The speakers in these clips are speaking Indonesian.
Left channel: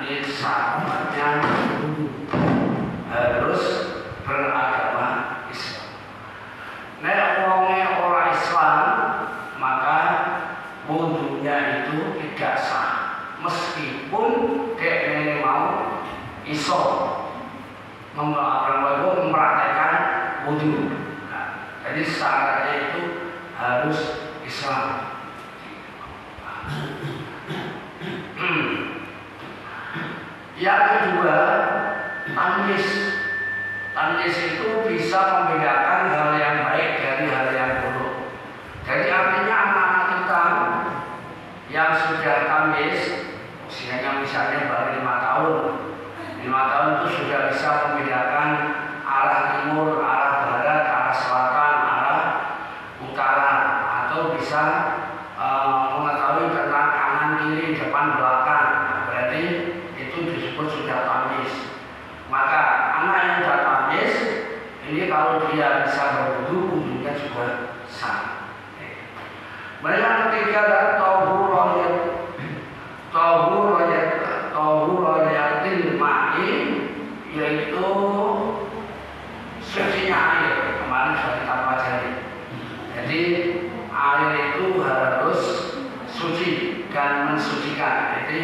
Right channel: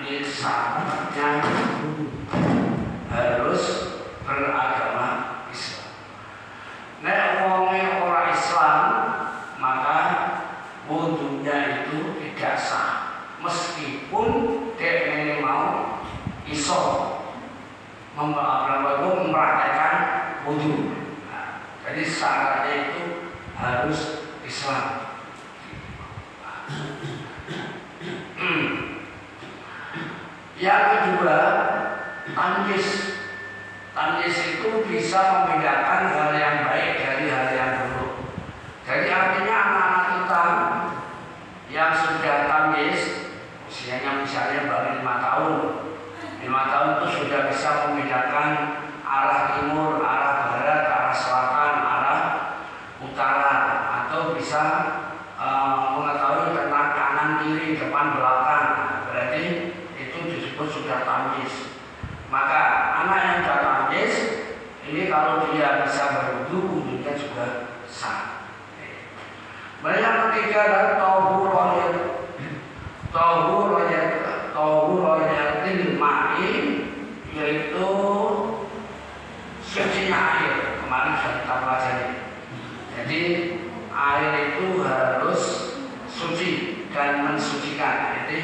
Ini ini syaratnya harus beragama Islam. Nek wonge ora Islam, maka wudunya itu tidak sah, meskipun dia mau iso mempraktekkan wudu. Nah, jadi syaratnya itu harus Islam. Yang kedua, tamyiz. Tamyiz itu bisa membedakan hal yang baik dari hal yang buruk. Jadi artinya anak-anak kita yang sudah tamyiz, usianya misalnya baru 5 tahun, 5 tahun itu sudah bisa membedakan arah timur, arah barat, arah selatan, arah utara, atau bisa mengetahui tentang kanan kiri, depan belakang. Berarti itu disebut sudah tamyiz. Maka anak yang sudah tamyiz ini kalau dia bisa berwudu, wudunya juga sah. Mereka ketiga adalah tahuratil ma'i, yaitu sucinya air. Kemarin sudah kita pelajari. Jadi air itu harus suci dan mensucikan. Jadi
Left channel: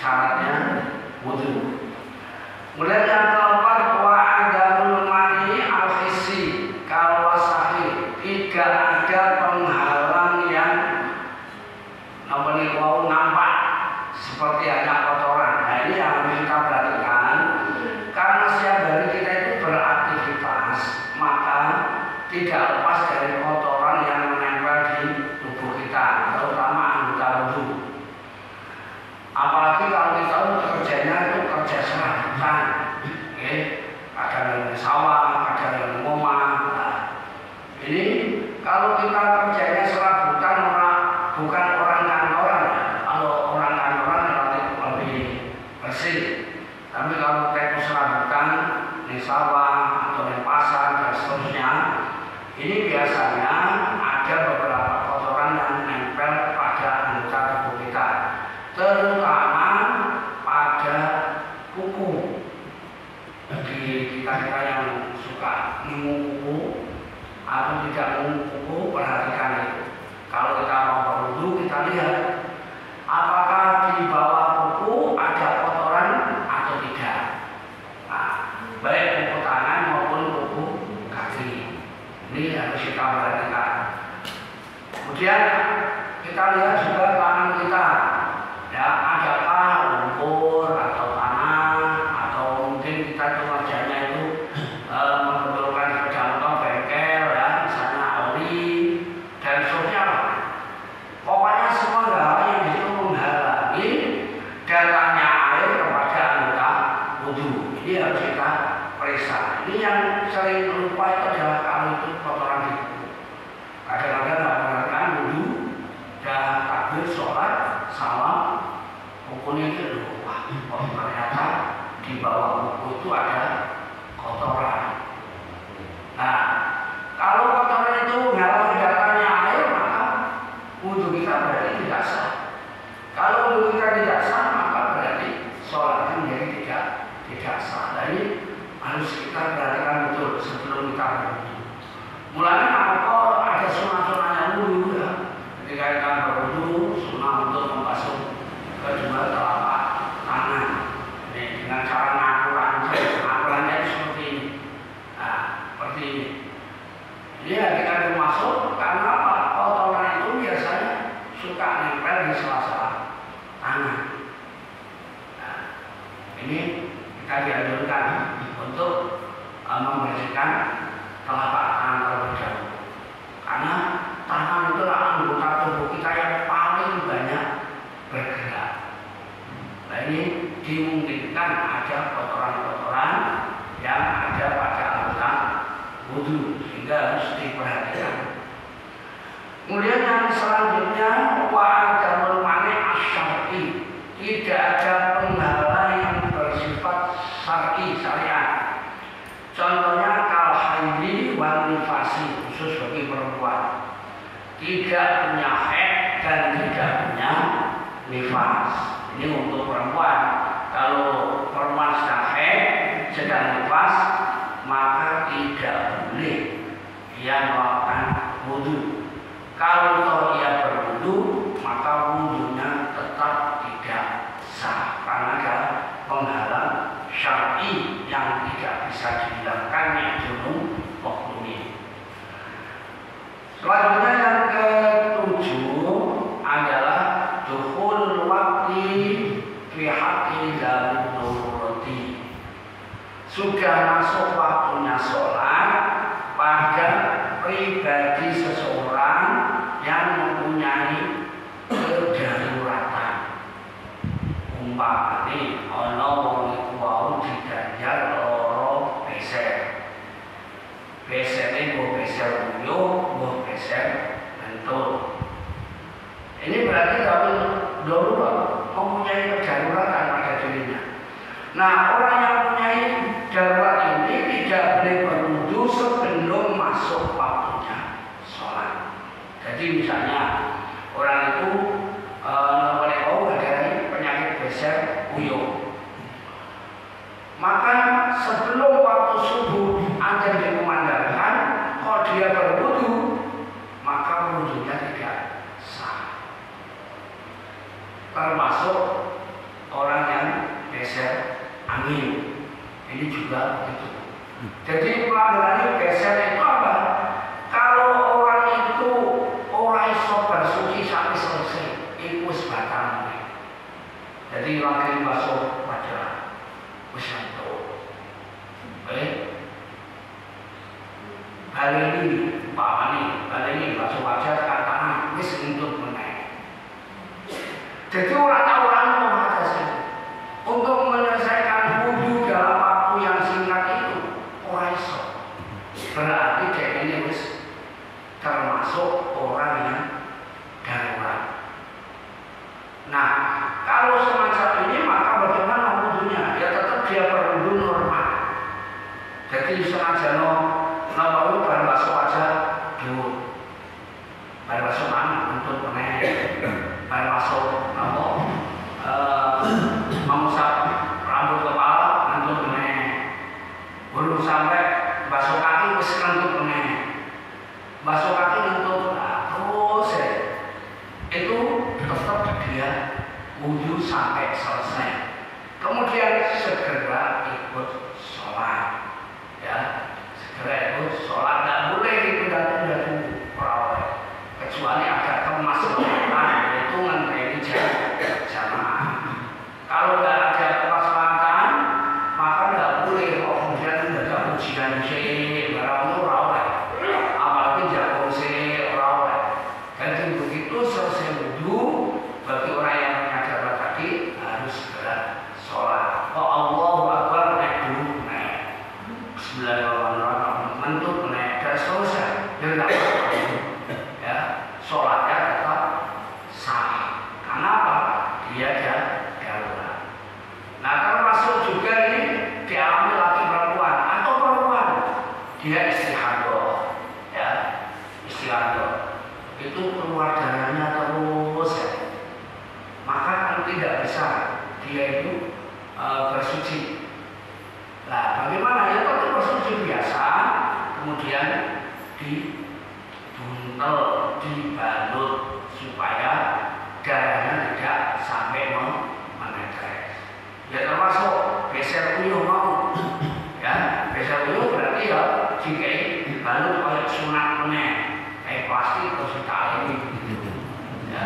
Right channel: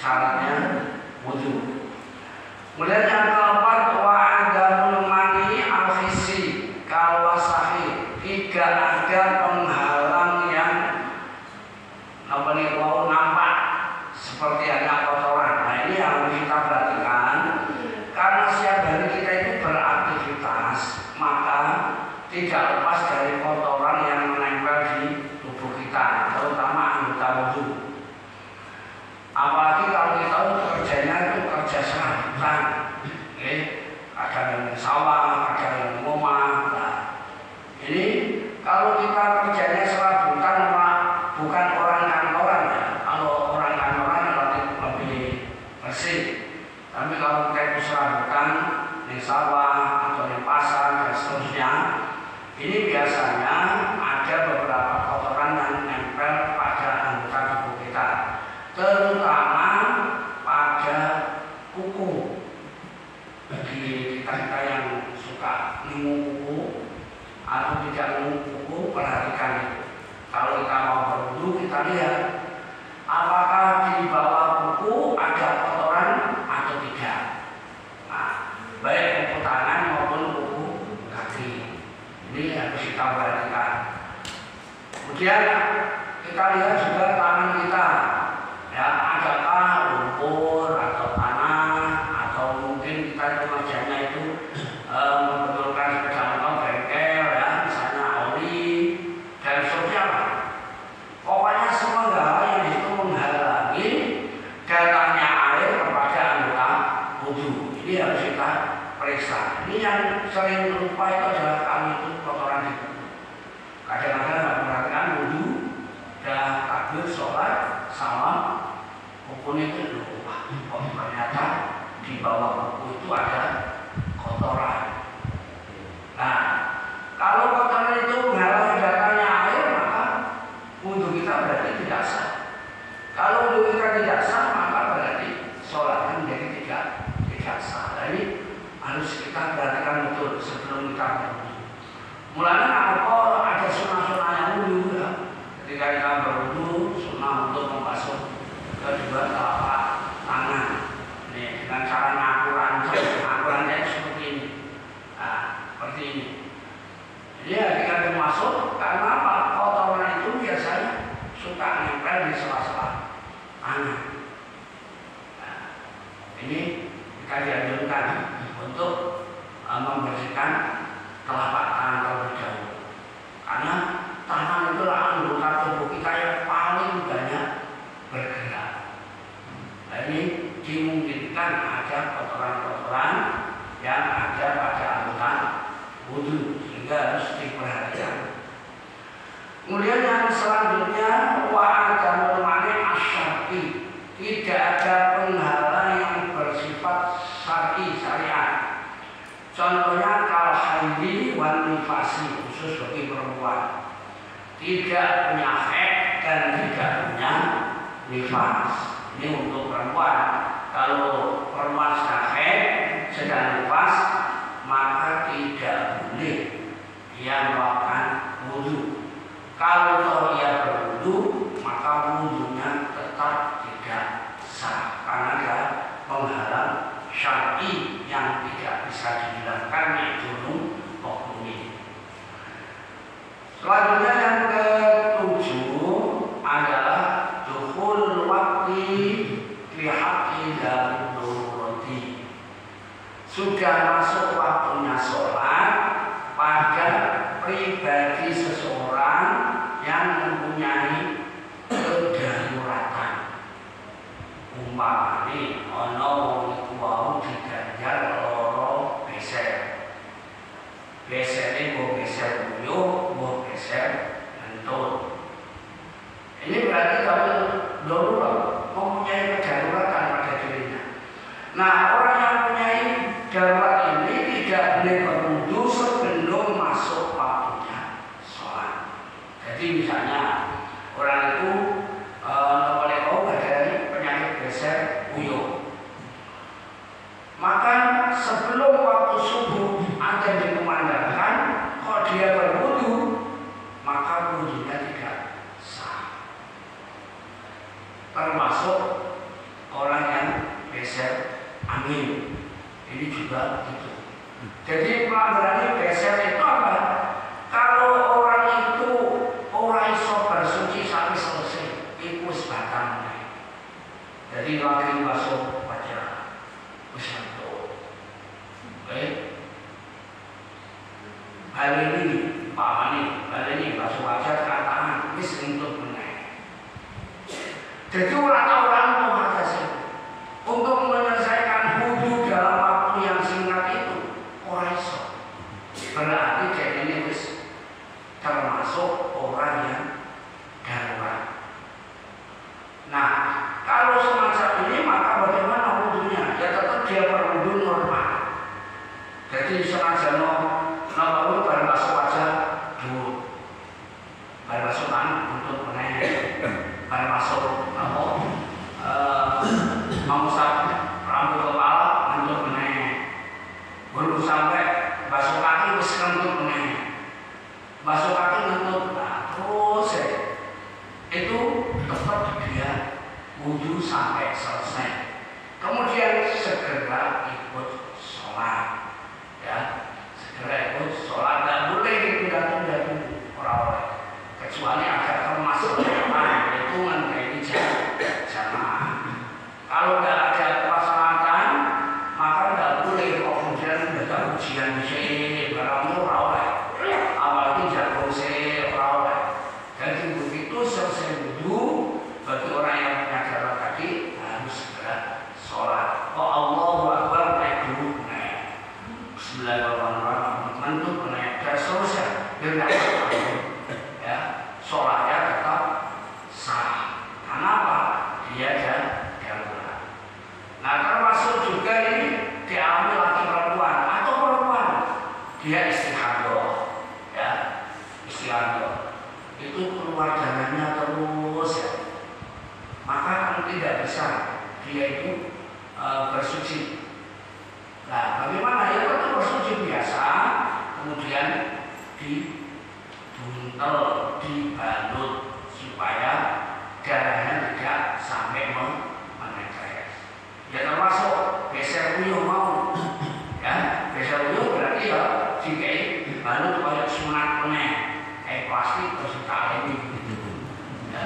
syaratnya wudu. Kemudian yang keempat, wa'adamul mani al-hissi kal-wasahi, tidak ada penghalang yang nampak seperti hanya kotoran. Nah, ini yang harus kita perhatikan, karena setiap hari kita itu beraktivitas, maka tidak lepas dari kotoran yang menempel di tubuh kita, terutama anggota wudu. Apalagi kalau kita kerjanya itu kerja serabutan, ada yang sawah, ada yang rumah. Nah, ini kalau kita kerjanya serabutan, bukan orang kantoran ya. Kalau orang kantoran lebih bersih. Tapi kalau kita itu serabutan di sawah atau di pasar dan seterusnya, ini biasanya ada beberapa kotoran yang menempel pada anggota tubuh kita, terutama pada kuku. Bagi kita yang suka minum kuku atau tidak minum kuku, perhatikan itu. Kalau kita mau berwudu, kita lihat apakah di bawah kuku ada kotoran atau tidak. Nah, baik kuku tangan maupun kuku kaki. Ini harus kita perhatikan. Kemudian kita lihat juga tangan kita, ya, adakah lumpur atau tanah, atau mungkin kita itu kerjanya itu membetulkan sepeda motor bengkel, ya, misalnya oli dan seterusnya. Pokoknya semua hal yang itu menghalangi datangnya air kepada anggota wudu. Ini harus kita periksa. Ini yang sering lupa itu adalah kalau itu kotoran di kuku. Kadang-kadang nggak perhatikan wudu, dah takbir sholat, salam, kukunya itu lupa. Ternyata di bawah kuku itu ada kotoran. Nah, kalau kotoran itu menghalangi datangnya air, maka wudu kita berarti tidak sah. Kalau wudu kita tidak sah, maka berarti sholatnya menjadi tidak sah. Jadi harus kita perhatikan betul sebelum kita berwudu. Mulanya apa? Ada sunnah-sunnahnya wudu, ya. Ketika kita berwudu, sunnah untuk membasuh kedua telapak tangan. Ini dengan cara ngakurannya seperti ini. Nah, seperti ini. Dia ketika masuk, karena apa? Kotoran itu biasanya suka nempel di sela-sela tangan. Nah, ini kita dianjurkan untuk membersihkan telapak tangan terlebih dahulu. Karena tangan itulah anggota tubuh kita yang paling banyak bergerak. Nah, ini dimungkinkan ada kotoran-kotoran yang ada pada anggota wudu, sehingga harus diperhatikan. Kemudian yang selanjutnya, wa'adamul mani asyar'i, tidak ada penghalang yang bersifat syar'i, syariat. Contohnya kal haidi wan nifasi, khusus bagi perempuan, tidak punya haid dan tidak punya nifas. Ini untuk perempuan. Kalau perempuan sedang nifas, maka tidak boleh dia melakukan wudhu. Kalau toh dia berwudhu, maka wudhunya tetap tidak sah karena ada penghalang syar'i yang tidak bisa dihilangkan, yaitu hukumnya. Selanjutnya yang ketujuh adalah dukhul waqti fi haqqi dzil nurati. Sudah masuk waktunya sholat pada pribadi seseorang yang mempunyai kedaruratan. Umpamanya ana wong iku wau diganjar loro beser. Besernya gue beser uyuh, gue beser mentut. Ini berarti kalau darurat mempunyai kedaruratan pada dirinya. Nah, orang yang mempunyai darurat ini tidak boleh berwudu sebelum masuk waktunya sholat. Jadi misalnya orang itu ada penyakit beser uyuh, maka sebelum waktu subuh ada dikumandangkan, kalau dia berwudu, maka wudunya tidak sah. Termasuk orang yang beser angin, ini juga begitu. Jadi pelanggaran beser itu apa? Kalau orang itu orang iso bersuci sampai selesai, itu sebatannya. Jadi lagi masuk wajah, bisa tuh. Kali ini, kali ini masuk wajah katakan, wis untuk menaik. Jadi orang mengatasi untuk menyelesaikan wudhu dalam waktu yang singkat itu orang iso. Berarti kayak ini wis termasuk orang yang darurat. Nah, kalau semacam ini maka bagaimana wudhunya? Ya tetap dia berwudhu normal. Jadi sengaja baru masuk wajah dulu, baru masuk tangan untuk menaik, baru masuk mengusap rambut kepala untuk menaik, belum sampai basuh kaki untuk menaik, basuh kaki untuk terus ya. Itu tetap dia wudhu sampai selesai. Kemudian segera ikut sholat, ya. Segera ikut sholat, nggak boleh ditunda-tunda peroleh, kecuali agar termasuk itu menjadi jamaah. Kalau nggak ada pelaksanaan, maka nggak boleh kemudian baca ujian di sini, barang itu peroleh, apalagi jago sih peroleh. Jadi begitu selesai wudhu, bagi orang yang menyadar tadi harus segera sholat. Oh Allahu Akbar, naik dulu, naik. Bismillahirrahmanirrahim, mentut naik, dan selesai. Ya, sholatnya tetap sah. Kenapa? Dia darurat. Nah, termasuk juga ini dialami laki perempuan atau perempuan, dia istihadah, ya, istihadah. Itu keluar darahnya terus ya. Maka kan tidak bisa dia itu bersuci. Nah, bagaimana? Ya kalau bersuci biasa, kemudian dibuntel, dibalut supaya darahnya tidak sampai menetes. Ya termasuk beser uyuh mau, ya beser uyuh berarti ya jika dibalut oleh sunat kuning. Plastik terus ditali ini, ya,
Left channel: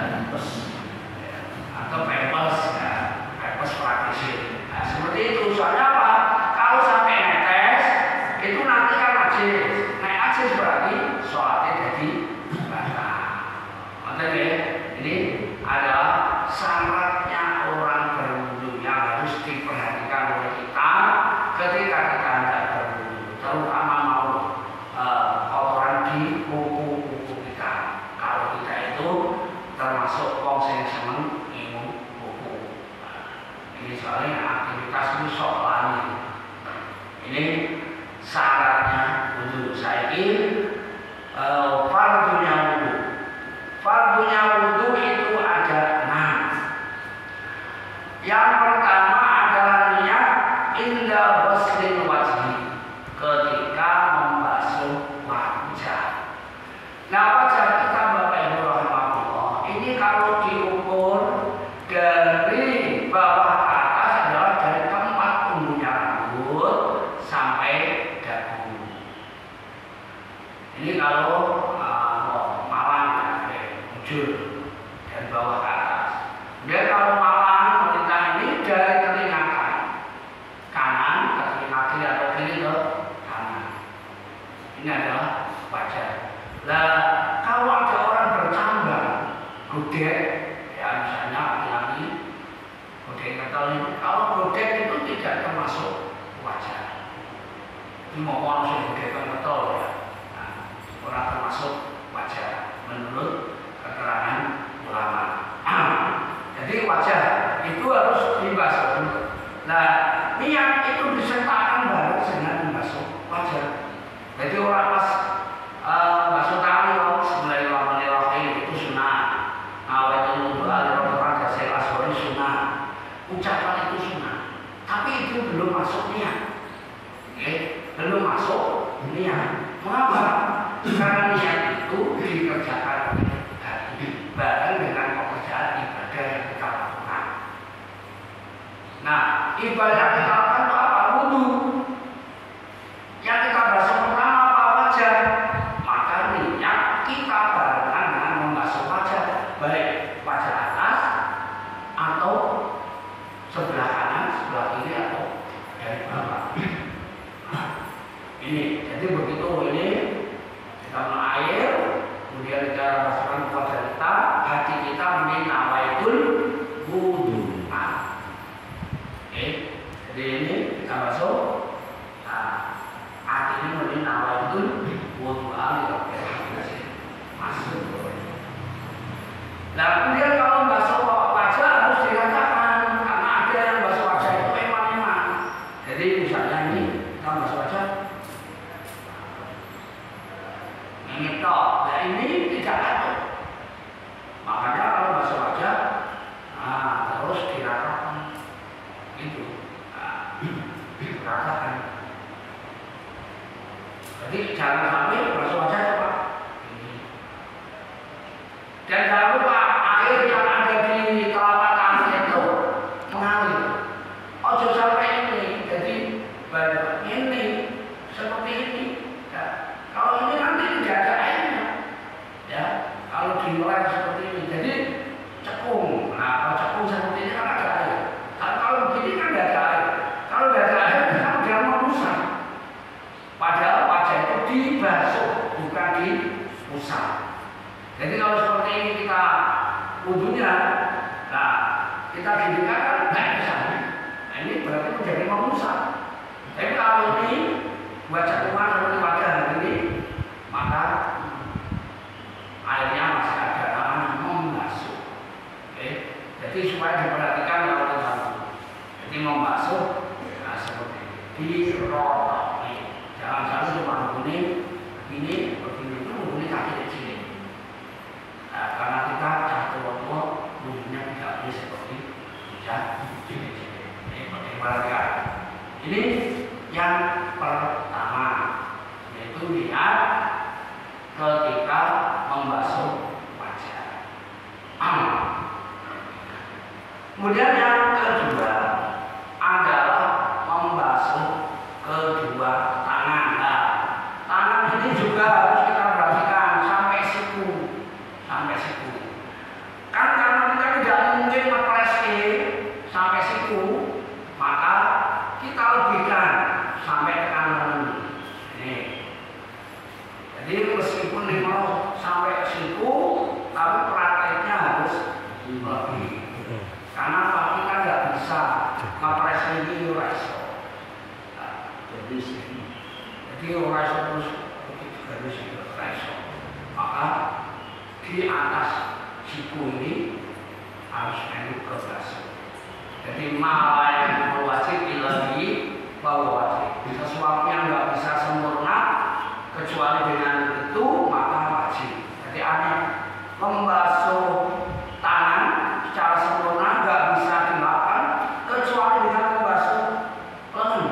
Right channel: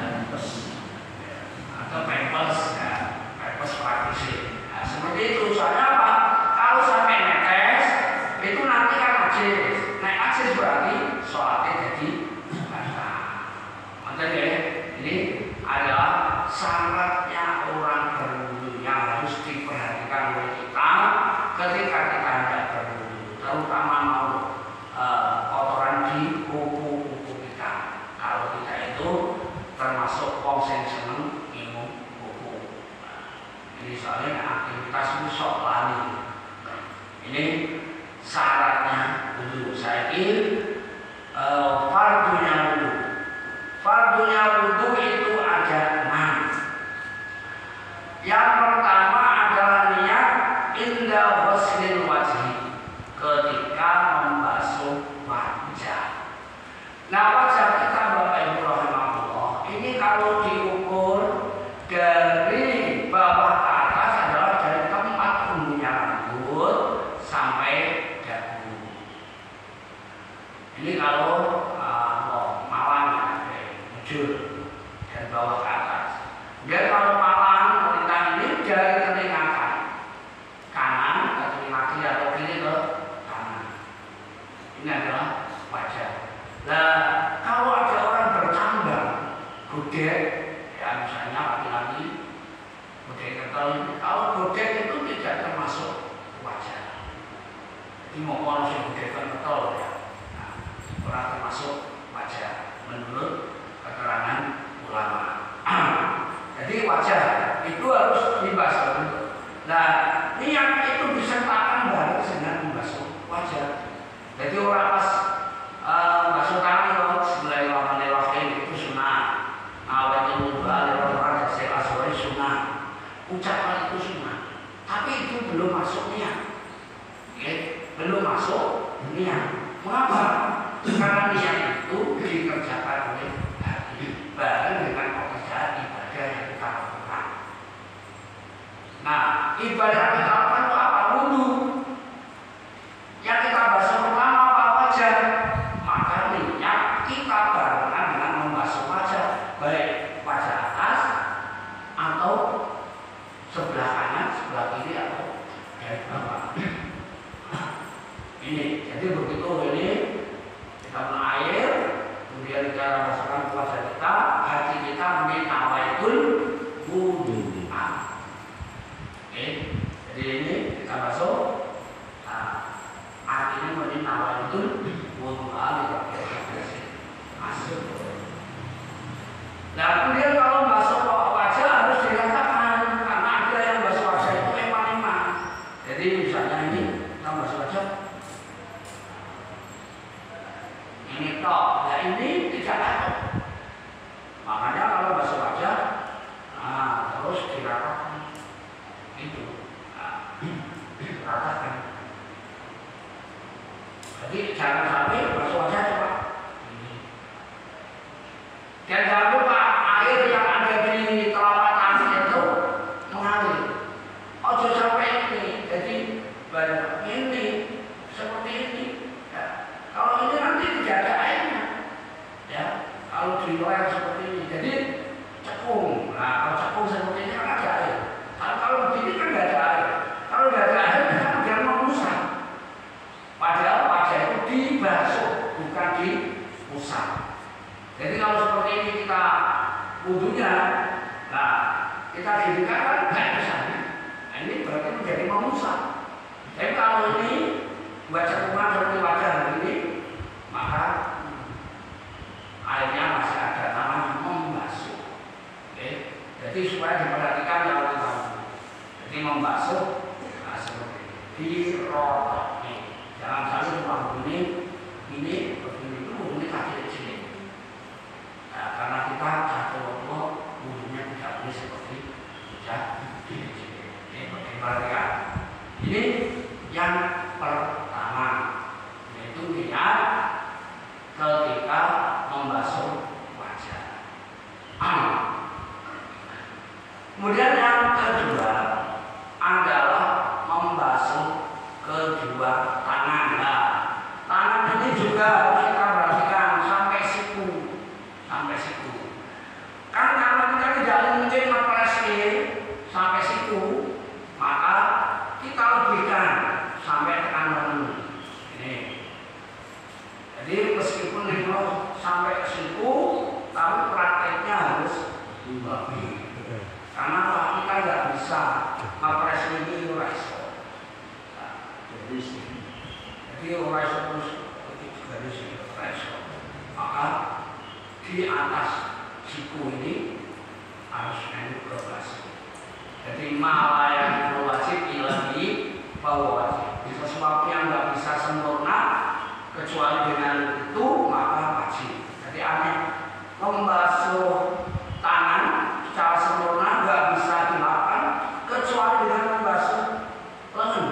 atau pempes, ya, pempes praktis. Nah, seperti itu. Soalnya apa? Kalau sampai netes, itu nanti kan najis. Naik najis berarti sholatnya jadi batal. Makanya ini adalah syaratnya orang berwudu yang harus diperhatikan oleh kita ketika kita hendak berwudu, terutama mau kotoran di kuku. Kalau tidak itu termasuk wong sing seneng minum buku. Ini soalnya aktivitas musuh lali. Ini syaratnya wudhu. Saya fardunya wudhu. Fardunya wudhu itu ada 6. Yang pertama adalah inda ghuslil wajhi, ketika membasuh wajah. Nah, wajah kita Bapak Ibu rahimahullah, ini kalau diukur dari bawah ke atas adalah dari tempat tumbuhnya rambut sampai dagu. Ini kalau malang bujur dan bawah ke atas. Kemudian kalau malang wanita ini dari telinga kanan ke telinga kiri atau kiri ke kanan. Ini adalah wajah. Nah, kalau ada orang bercambang, godek, ya misalnya laki-laki, godek ketol ini, kalau godek itu tidak termasuk wajah. Ini mau ngomong godek ketol ya, nah, orang termasuk wajah menurut keterangan ulama. Jadi wajah itu harus dibasuh. Nah, niat itu disertakan baru dengan membasuh wajah. Jadi orang pas basuh tangan Bismillahirrahmanirrahim itu sunnah. Awaitul wudu al-rahman dasai asori sunnah. Ucapan itu sunnah. Tapi itu belum masuk niat. Belum masuk niat. Mengapa? Karena niat itu dikerjakan oleh hati bareng dengan pekerjaan ibadah yang kita lakukan. Nah, ibadah kita lakukan itu apa? Wudu. Yang kita basuh pertama apa? Wajah. Maka niat kita barengan dengan membasuh wajah, baik wajah atas atau sebelah kanan, sebelah kiri atau dari bawah. Ini, jadi begitu ini kita minum air, kemudian kita masukkan ke wajah kita, hati kita nawaitul wudu. Jadi ini kita masuk. Artinya menjadi nawaitul wudu masuk. Nah, kemudian kalau basuh wajah harus dirasakan, karena ada yang basuh wajah itu memang. Jadi misalnya ini kita basuh wajah, ini tok, ya ini tidak ada. Makanya kalau basuh wajah, nah terus diratakan, itu, ratakan. Jadi jangan sampai basuh wajah coba. Dan jangan lupa air yang ada di telapak tangan itu mengalir. Ojo sampai ini, jadi ini seperti ini. Ya. Kalau ini nanti tidak ada airnya, ya. Kalau di luar seperti ini, jadi cekung. Nah, kalau cekung seperti ini kan ada air. Kalau begini kan tidak ada air. Kalau tidak ada air, kan jangan mengusap. Padahal wajah itu dibasuh, bukan diusap. Jadi kalau seperti ini kita wudunya, nah kita ginikan kan nggak bisa. Nah ini berarti menjadi mengusap. Tapi kalau ini buat cekungan seperti wajah ini, maka airnya masih ada namanya membasuh. Oke, jadi supaya diperhatikan kalau kita jadi membasuh, nah seperti ini dirotok. Jangan sampai cuma ini kaki di sini. Nah, karena kita jatuh waktu wujudnya tidak boleh seperti hujan di sini. Ini yang pertama, yaitu niat ketika membasuh wajah. Kemudian yang kedua adalah membasuh kedua tangan. Nah, tangan ini juga harus kita perhatikan sampai siku. Kan karena kita tidak mungkin operasi sampai siku, maka kita lebihkan sampai tekan lengan. Ini. Jadi meskipun lima sampai siku, tapi prakteknya harus lebih. Karena kita nggak bisa operasi ini rasa. Jadi orang terus garis resor, maka di atas siku ini harus menurut kelas. Jadi malah yang wajib ilahi bahwa wajib. Sesuatu yang nggak bisa sempurna kecuali dengan itu maka wajib. Jadi aneh membasuh tangan secara sempurna nggak bisa dilakukan kecuali dengan membasuh lengan.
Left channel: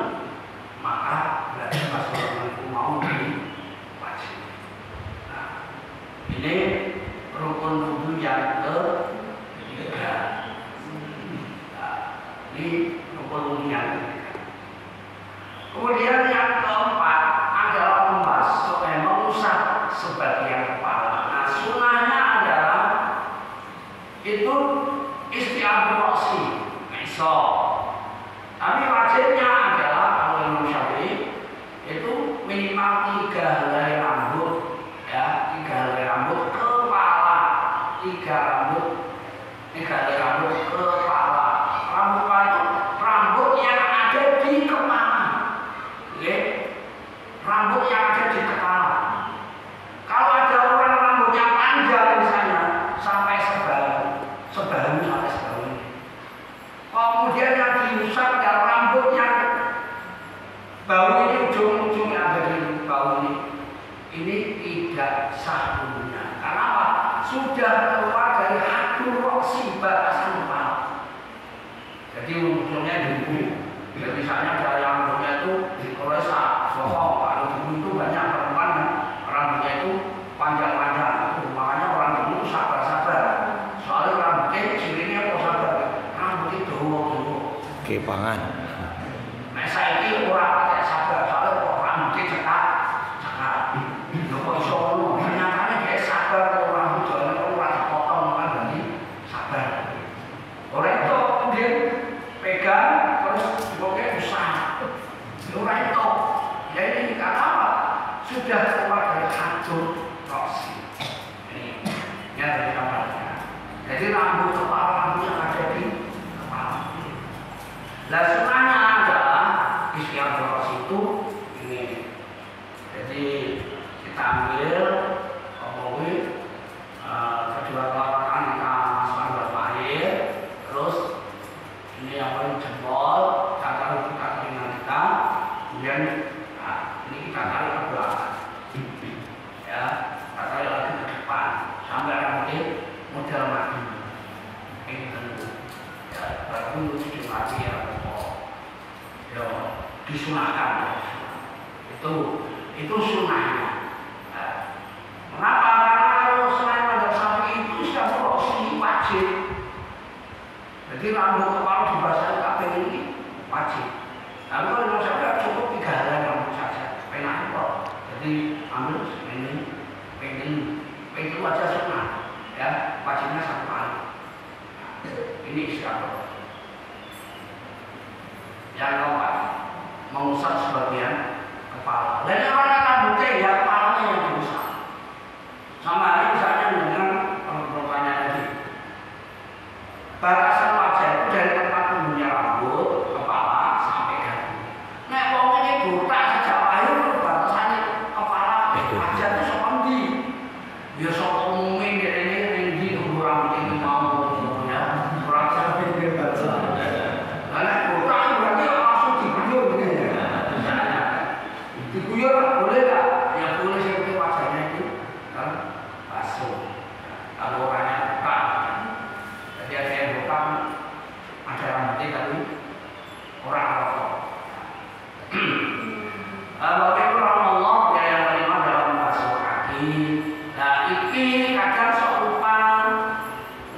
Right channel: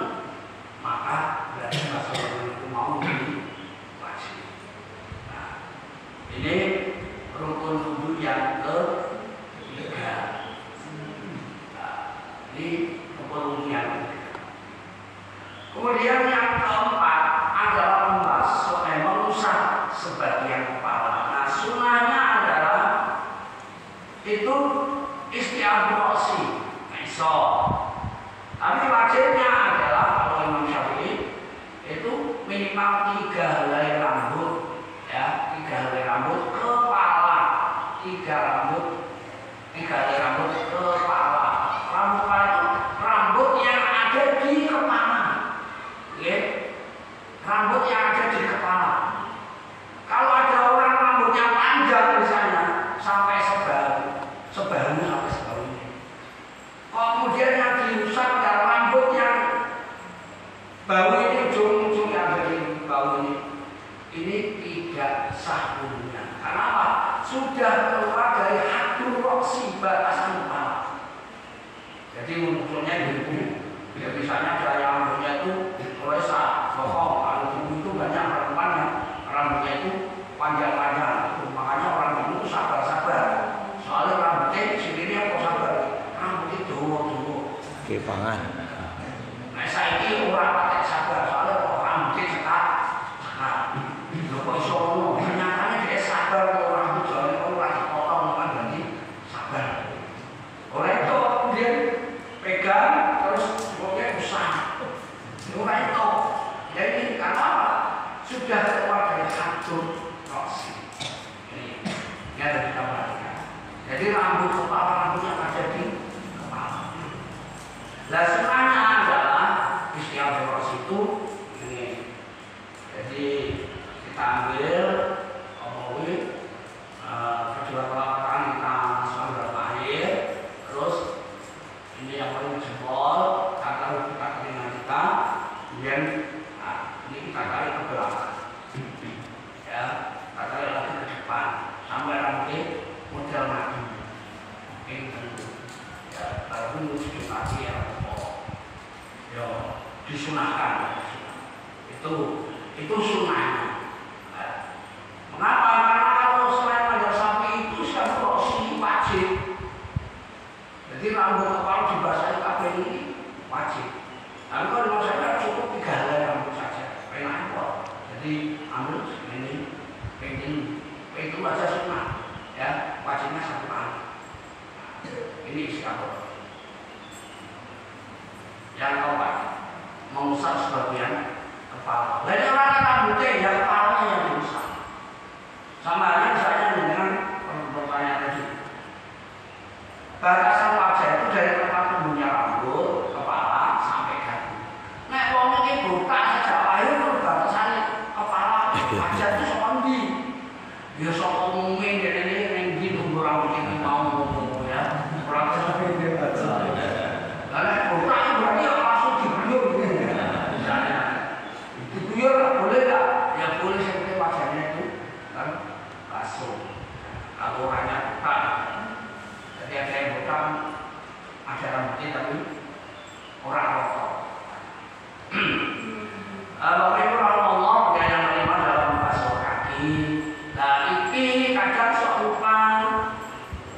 Kemudian yang keempat adalah mengusap sebagian kepala. Nah, sunnahnya adalah itu istiabrasi, iso. Tapi wajibnya adalah kalau Imam Syafi'i itu minimal 3 helai rambut, ya, 3 helai rambut kepala, 3 helai rambut kepala. Rambut itu rambut yang ada di kepala, ya. Rambut yang ada di kepala. Kalau ada orang rambutnya panjang misalnya sampai sebahu sampai sebahu ini. Kemudian yang diusap adalah rambut yang bau ini, ujung-ujung yang ada di bau ini tidak sah hukumnya. Karena apa? Sudah keluar dari hadur roksi, batasan kepala. Jadi munculnya di bumi. Ya, misalnya ada yang rambutnya itu oleh saat bohong, kalau dulu itu banyak perempuan yang rambutnya itu panjang-panjang. Makanya orang dulu sabar-sabar. Soalnya rambutnya sendiri apa sabar? Rambutnya dowo-dowo. Kepangan. Nah, saya ini orang pakai sabar, soalnya kok rambutnya cekak. Lho kok iso ngono? Nyatanya dia sabar kalau rambut soalnya orang potong kan berarti sabar. Oleh itu kemudian pegang terus pokoknya usah. Oleh itu, jadi karena apa? Sudah keluar dari hadur roksi. Ini ya dari kamar. Jadi rambut kepala rambut yang ada di kepala. Nah, sunnahnya adalah istiabrah itu ini. Jadi kita ambil kedua telapak kita masukkan dalam air, terus ini yang paling jempol, tarik kita telinga kita, kemudian ini kita tarik ke belakang, ya, kita tarik lagi ke depan sampai nanti model mati, ini tentu, ya, baru ujung mati ya, ya, disunahkan, itu sunnahnya. Mengapa? Karena kalau selain pada sapi itu siapa sih wajib. Jadi rambut kepala dibasahi kabeh ini wajib. Tapi kalau saja cukup 3 helai rambut saja, enak kok. Jadi ambil ini, itu aja sunnah, ya, wajibnya 1 kali. Ini istiabrah. Yang keempat, mengusap sebagian kepala. Lainnya mana rambutnya ya kepalanya yang diusap. Sama halnya misalnya dengan pertanyaan tadi. Batasan wajah itu dari tempat tumbuhnya rambut, kepala sampai dagu. Nek wong iki botak sejak lahir batasannya kepala wajah itu sok endi? Ya sok umume ngene ning ndi tumbuh rambut iki mau ya. Ora sampe dia baca. Lah nek botak berarti langsung diguyur gitu. Misalnya diguyur boleh enggak? Ya boleh seperti wajahnya itu kan basuh. Kalau orangnya bukan, jadi ada yang bukan ada rambutnya tapi orang rokok. Bapak Ibu rahimahullah, yang kelima dalam membasuh kaki. Nah, iki kadang serupa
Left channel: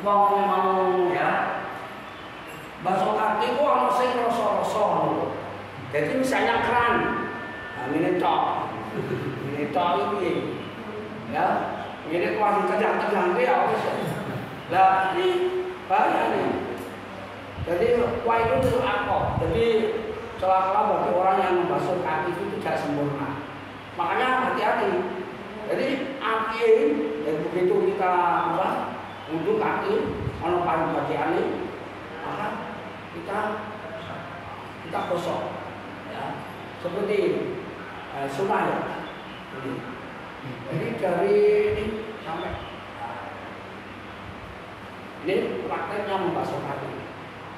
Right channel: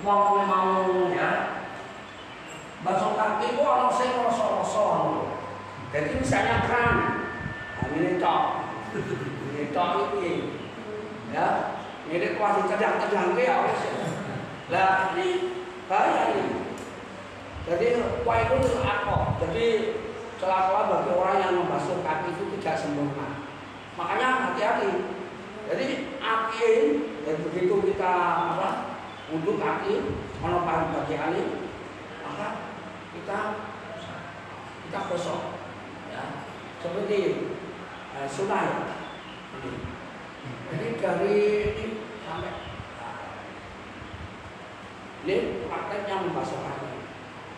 wong mau ya basuh kaki kok ana sing rasa-rasa. Jadi misalnya keran, nah ini tok iki. Ya, ini kuasi tedang-tedang ya wis. Lah ini bahaya ini. Jadi kuah itu akok. Jadi celah-celah bagi orang yang membasuh kaki itu tidak sempurna. Makanya hati-hati. Jadi api dan begitu kita untuk kaki ono paling bagian ini, maka kita gosok. Ya, seperti sunnah ya. Jadi dari ini sampai ini prakteknya membasuh kaki.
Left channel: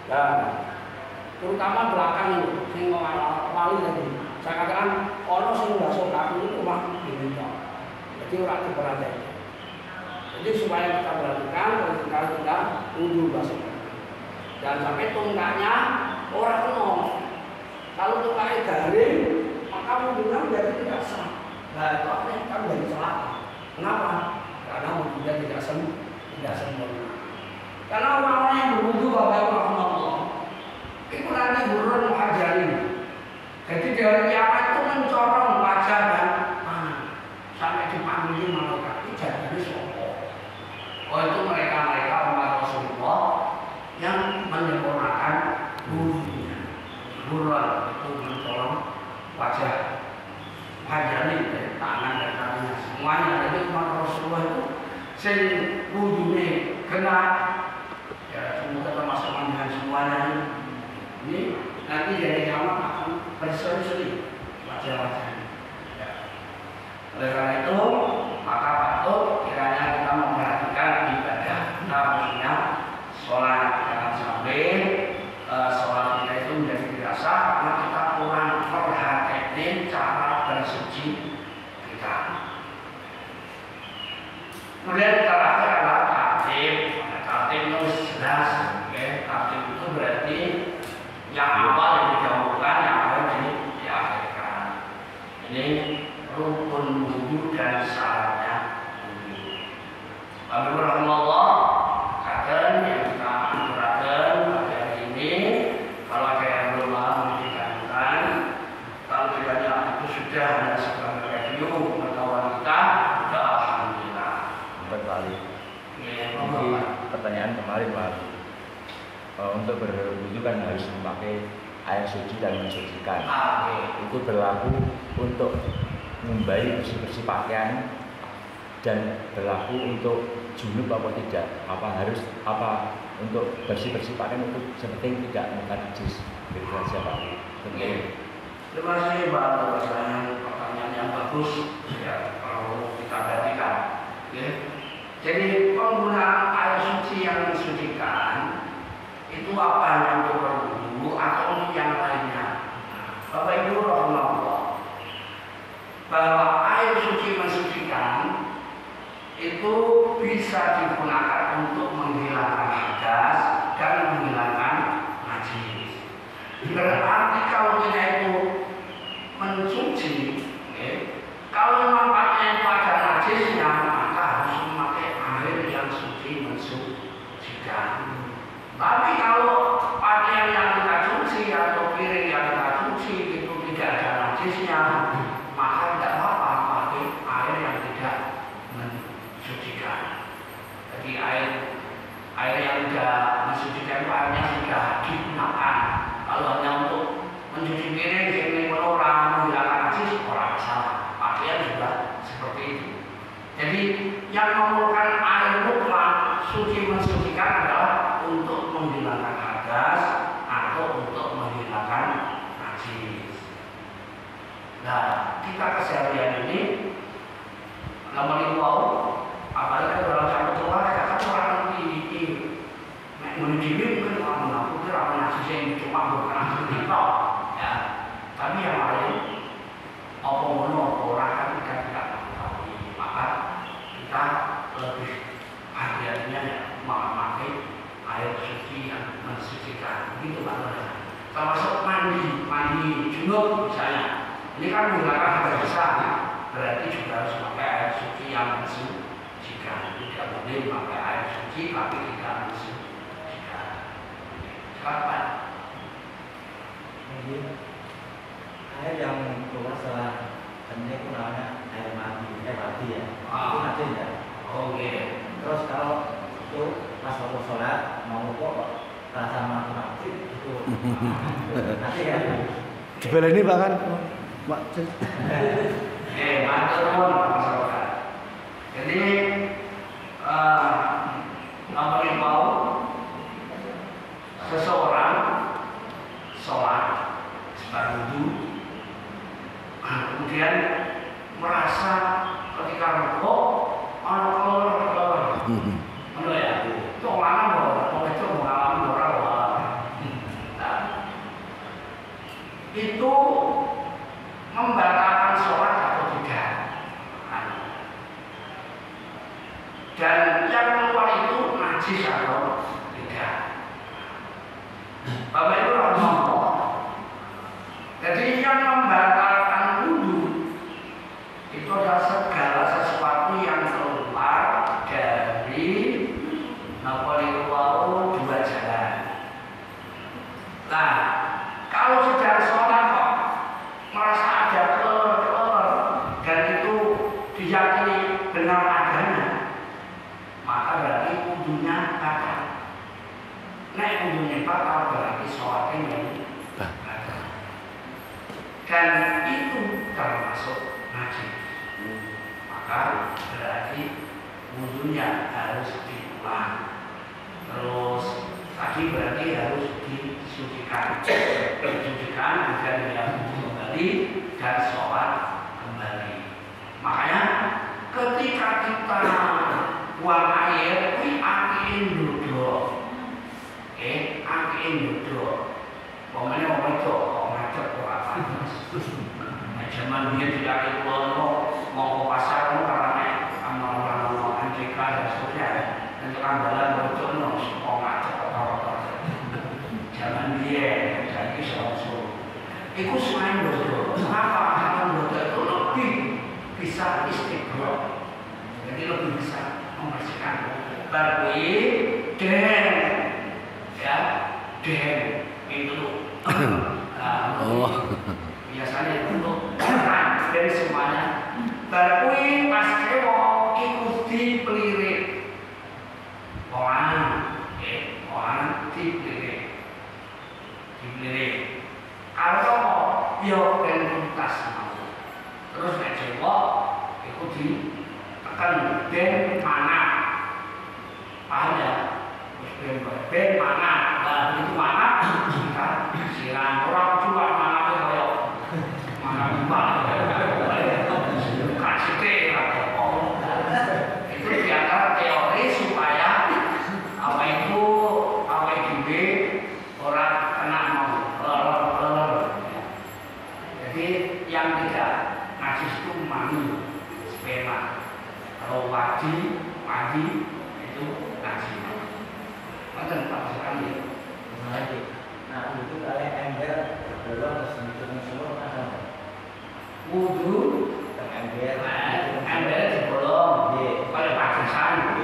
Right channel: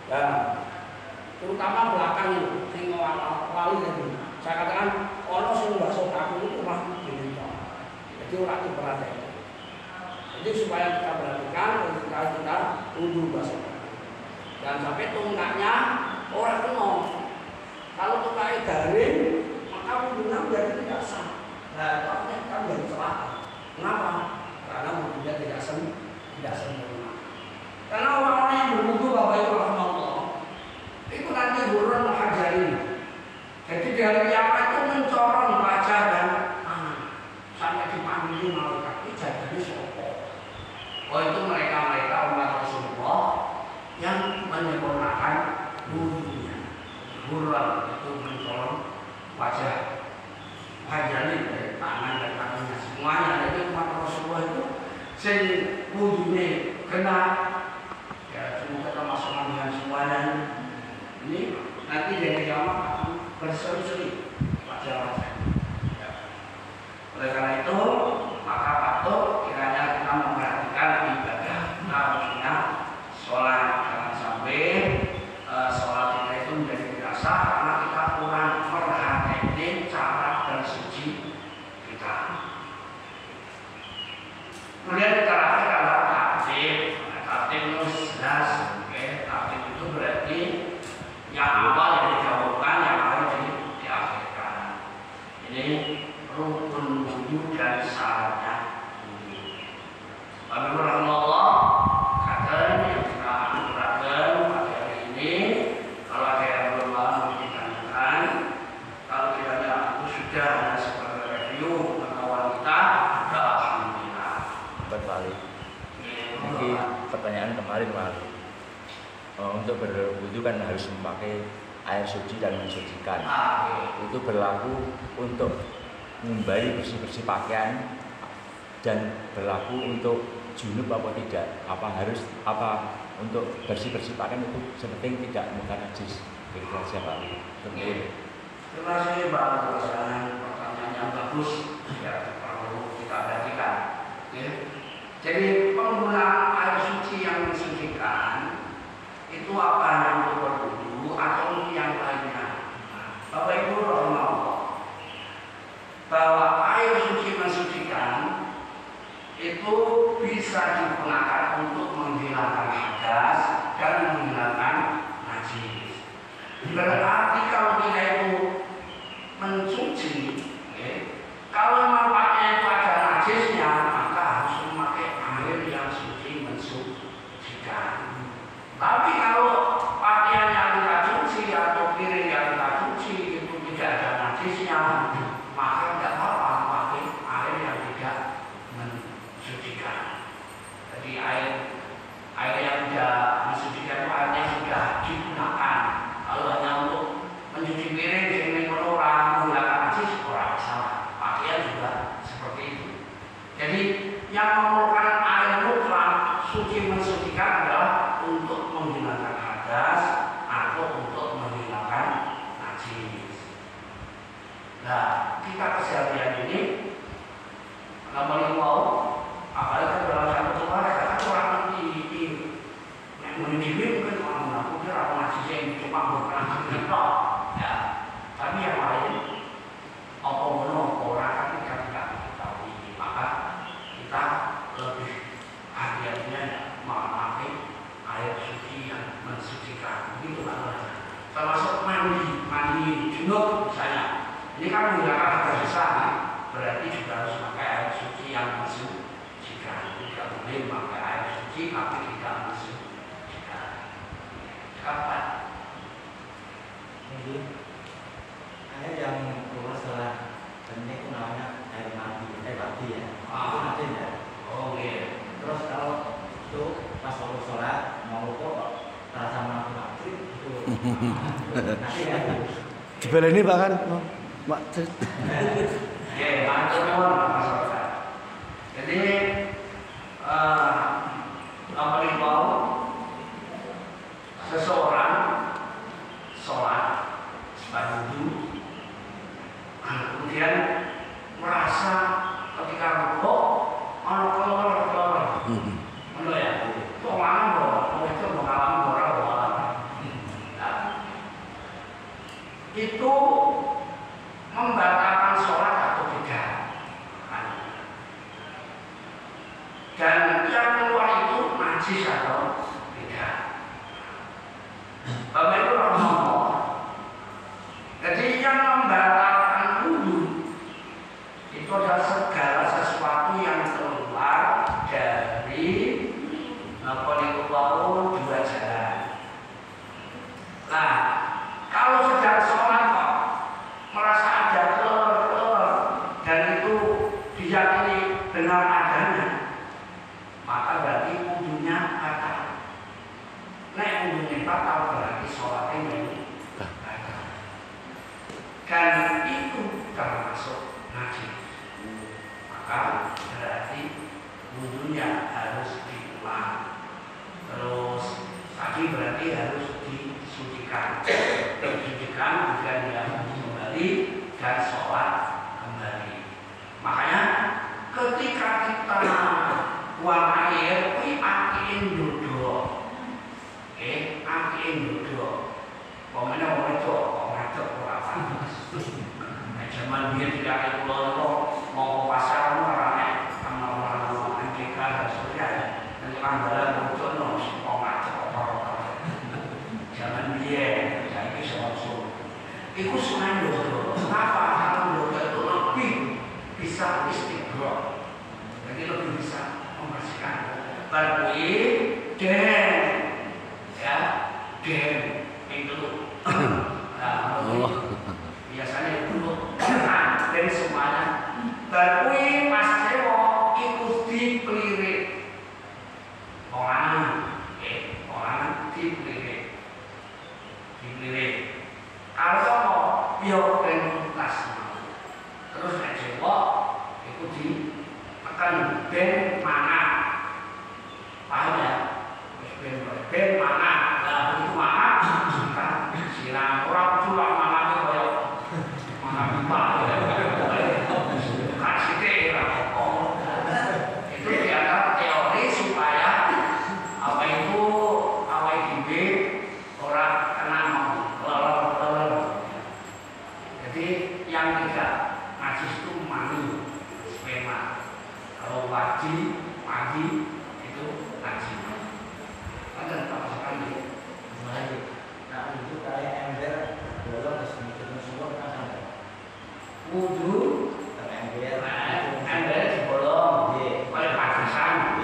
Dan terutama belakang itu, sing lali tadi. Saya katakan ono sing membasuh kaki itu cuma gini toh. Jadi orang diperhatikan. Jadi supaya kita perhatikan kalau kita ujung basuh kaki. Dan sampai tungkaknya orang kena. Kalau tungkaknya garing, maka mungkin jadi tidak sah. Nah, itu artinya kan dari celaka. Kenapa? Karena wudhunya tidak sempurna. Karena orang-orang yang berwudhu Bapak Ibu rahimahullah itu nanti buruan mengajarin. Jadi dari kiamat itu mencorong wajah dan tangan sampai dipanggil malaikat itu jadi sopo. Oh itu mereka umat Rasulullah yang menyempurnakan wudunya. Buruan itu mencorong wajah wajahnya dari tangan dan kakinya semuanya. Jadi umat Rasulullah itu sing wudunya kena ya semoga termasuk dengan semuanya. Ini nanti dari kiamat akan berseri-seri wajah-wajahnya. Ya. Oleh karena itu maka patut kiranya kita memperhatikan ibadah kita khususnya sholat, jangan sampai sholat kita itu menjadi tidak sah karena kita kurang memperhatikan cara bersuci kita. Kemudian terakhir adalah tartib. Tartib itu jelas, tartib itu berarti yang awal yang didahulukan, yang harus diakhirkan. Ini rukun wudu dan syaratnya wudu. Lalu rahmatullah katakan yang kita aturakan pada hari ini, kalau ada yang belum mau ditanyakan, kalau kiranya itu sudah ada sebagai review pengetahuan kita, sudah alhamdulillah. Kembali. Ini pertanyaan kemarin Pak. Untuk berwudu kan harus memakai air suci dan mensucikan. Itu berlaku untuk membayi bersih-bersih pakaian dan berlaku untuk junub apa tidak? Apa untuk bersih-bersih pakaian itu seperti tidak makan najis? Kira-kira siapa? Terima kasih Pak atas pertanyaan yang bagus. Ya kalau kita perhatikan. Jadi penggunaan air suci yang mensucikan itu apa yang untuk berwudu atau yang lainnya? Bapak Ibu rahimahullah, bahwa air suci mensucikan itu bisa digunakan untuk menghilangkan hadas dan menghilangkan najis. Berarti kalau kita itu mencuci, kalau memang pakaian itu ada najisnya, maka harus memakai air yang suci mensucikan. Tapi kalau pakaian yang kita cuci atau piring yang kita cuci itu tidak ada najisnya, maka tidak apa-apa pakai air yang tidak mensucikan. Jadi air yang tidak mensucikan itu airnya sudah digunakan. Kalau hanya untuk mencuci piring, ini orang menghilangkan najis, orang salah. Pakaian juga seperti itu. Jadi yang memerlukan air mutlak suci mensucikan adalah untuk menghilangkan hadas atau untuk menghilangkan najis. Nah, kita keseharian ini namanya mau apalagi dalam satu keluarga kan orang ngerti yang mendidik mungkin orang menakutkan orang najis yang cuma berperang kita ya. Tapi yang lain apa orang kan kita tidak mengetahui, maka kita lebih hati-hatinya ya memakai air suci yang mensucikan, begitu lah. Termasuk mandi junub misalnya. Ini kan menghilangkan hadas besar, berarti juga harus pakai air suci yang mensucikan. Tidak boleh pakai air suci tapi tidak mensucikan. Kapan? Mungkin air yang keluar setelah ini itu namanya air mati ya. Itu mati ya. Oh iya. Terus kalau itu pas waktu sholat mau lupa rasa mati itu nanti ya. Jebel ini bahkan Mak. Jadi apa mau seseorang sholat wudu kemudian merasa ketika rukuk ana kelor-kelor. Ngono ya. Itu orang itu mengalami moral. Itu membatalkan sholat atau tidak. Dan yang keluar itu najis atau tidak. Bapak itu harus ngomong. Jadi yang membatalkan wudu itu adalah segala sesuatu yang keluar dari dua jalan. Nah, kalau sedang sholat kok batal berarti sholatnya memang ada. Dan itu termasuk najis. Maka berarti wudhunya harus diulang. Terus tadi berarti harus disucikan. Disucikan agar dia kembali dan sholat kembali. Makanya ketika kita buang air, kuwi angin duduk. Angin duduk. Pokoknya orang itu ngadep ora panas. Zaman dia tidak ada pulau mau ke pasar karena orang MTK dan sebagainya. Nanti anggaran bocor no, semua ngadep orang-orang. Zaman dia jadi seorang. Iku selain duduk. Kenapa? Karena duduk itu lebih bisa istiqroh. Jadi lebih bisa membersihkan. Tapi den, ya den itu. Biasanya untuk dan semuanya. Tapi pas kewo ikut dipelirit. Orang dipelirit. Kalau yo ben tuntas mau. Terus nek cewek iku ditekan ben mana. Paham ya? Ben mana. Nah, begitu mana kita siram orang juga mana koyo mana lupa. Kasih teh apa. Itu di antara teori supaya apa itu orang kena mau. Jadi yang tidak najis itu mani, sperma. Kalau wadi itu najis. Ada Pak sekali. Nah, itu kayak ember dorong ke sini apa? Wudu ember. Ember dibolong. Oleh partisan.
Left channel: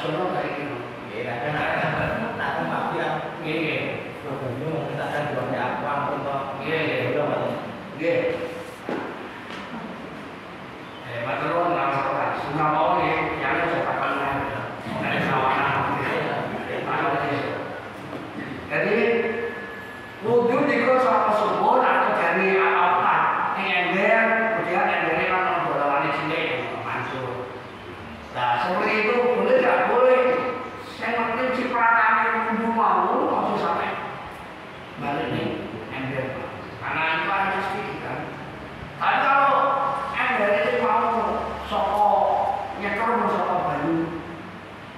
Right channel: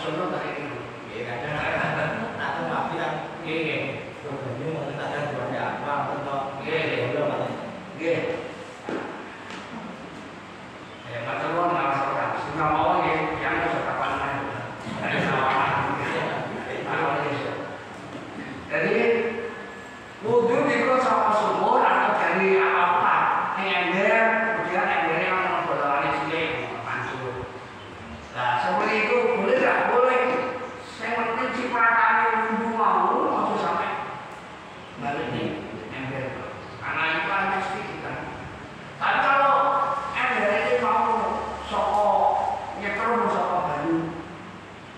Semua dari itu. Nah, pasti kan. Bingung kita kan buatnya apa untuk betul nggak semua mau yang sudah pandai. Jadi wudhu itu sama sumur atau dari apa? Ini ember, kemudian embernya kan bodohannya cilik, mantul. Nah seperti itu boleh nggak boleh? Yang penting cipratannya wudhu mau sampai balik ini ember, karena itu hanya sedikit kan. Tapi kalau ember itu mau soko nyetrum soko banyu,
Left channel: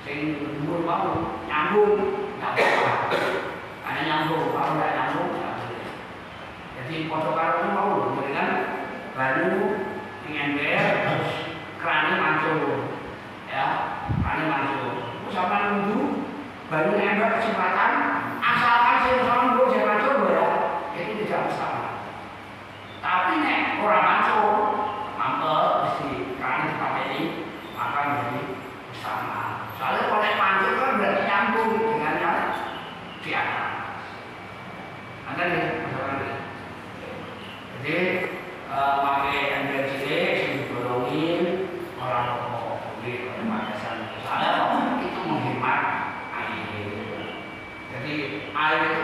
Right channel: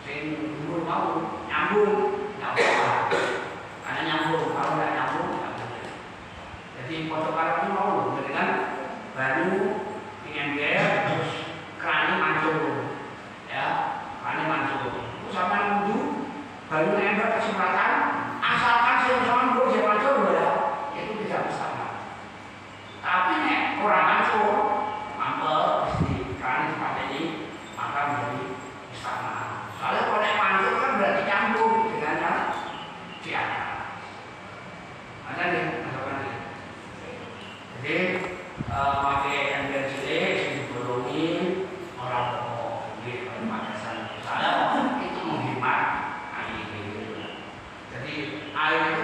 sing wudhu mau nyambung, nggak apa-apa. Karena nyambung, kalau nggak nyambung, nggak boleh. Jadi fotografer itu mau, jadi kan baru di ember, terus kerannya mancung, ya, kerannya mancung. Terus sampai wudhu, baru ember kesempatan, asalkan saya sama gue jangan mancung ya, itu tidak masalah. Tapi nek kurang mancung, mampet di keran seperti ini, maka menjadi bersama. Soalnya kalau nek mancung kan berarti nyambung dengan yang di atas. Ada nih, jadi pakai ember cilik, dibolongin orang di pemanasan. Misalnya itu menghemat air. Jadi air itu